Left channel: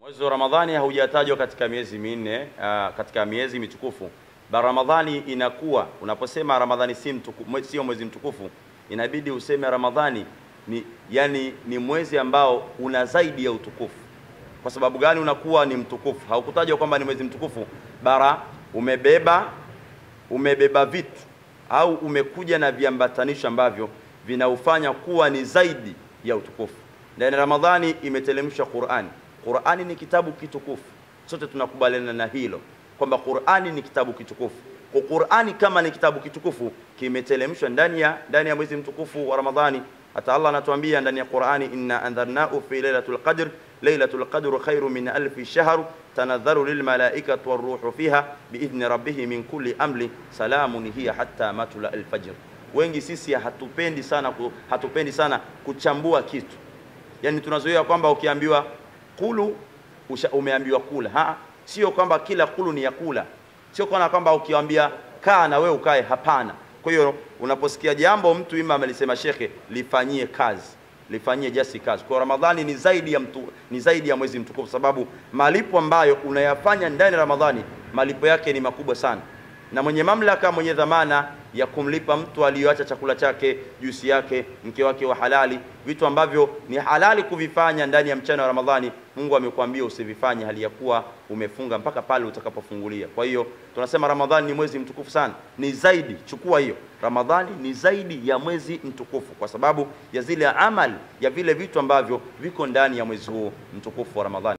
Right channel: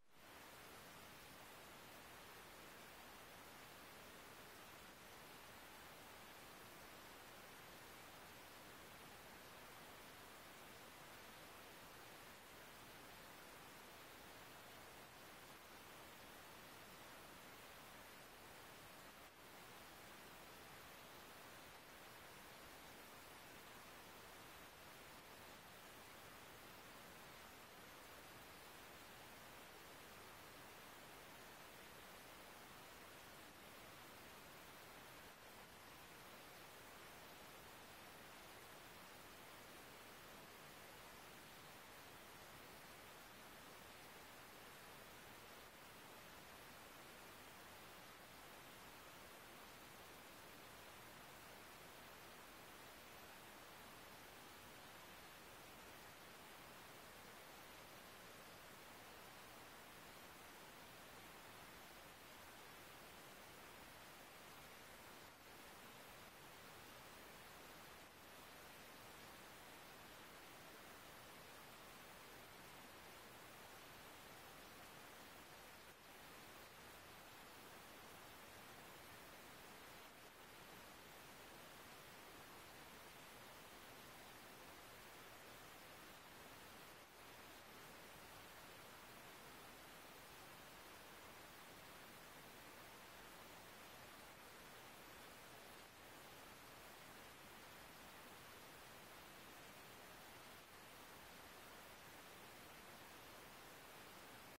Mwezi wa Ramadhani haujatajwa katika miezi minne, katika miezi mitukufu. Ramadhani inakuwa, unaposema Ramadhani sio mwezi mtukufu, inabidi useme Ramadhani ni mwezi ambao una zaidi ya utukufu. Kwa sababu gani unakuwa ni mtukufu? Haukutajwa kwamba ni mwezi mtukufu, bara umebeba vitu au umekuja na viambatanisho ambavyo vinaufanya kuwa ni zaidi ya utukufu. Ndani Ramadhani imetelemshwa Qur'ani. Qur'ani ni kitabu kitukufu. Sote tunakubaliana na hilo kwamba Qur'ani ni kitabu kitukufu. Kwa Qur'ani kama ni kitabu kitukufu kimetelemshwa ndani ya mwezi mtukufu wa Ramadhani. Hata Allah anatuambia ndani ya Qur'ani, inna anzarnahu fi lailatul qadr, lailatul qadru khairu min alfi shahr, tanazzalu lil malaikati waruhu fiha biidhni rabbihim min kulli amri, salamun hiya hatta matla al-fajr. Wengi sisi hatupendi sana kuchambua kitu. Yani tunazoea kwamba ukiambiwa kulu umeambiwa kula. Sio kwamba kila kulu ni ya kula. Sio kwamba ukiambia kaa na wewe ukae, hapana. Kwa hiyo unaposikia jambo mtu ima amelisema shekhe, lifanyie kazi, lifanyie jasi kazi. Kwa Ramadhani ni zaidi ya mwezi mtukufu, sababu malipo ambayo unayafanya ndani ya Ramadhani malipo yake ni makubwa sana. Na mwenye mamlaka, mwenye dhamana ya kumlipa mtu aliyoacha chakula chake, juisi yake, mke wake wa halali, vitu ambavyo ni halali kuvifanya ndani ya mchana wa Ramadhani, Mungu amekwambia usivifanye hali ya kuwa umefunga mpaka pale utakapofungulia. Kwa hiyo tunasema Ramadhani ni mwezi mtukufu sana. Ni zaidi, chukua hiyo. Ramadhani ni zaidi ya mwezi mtukufu kwa sababu ya zile amali, ya vile vitu ambavyo viko ndani ya mwezi huu mtukufu wa Ramadhani.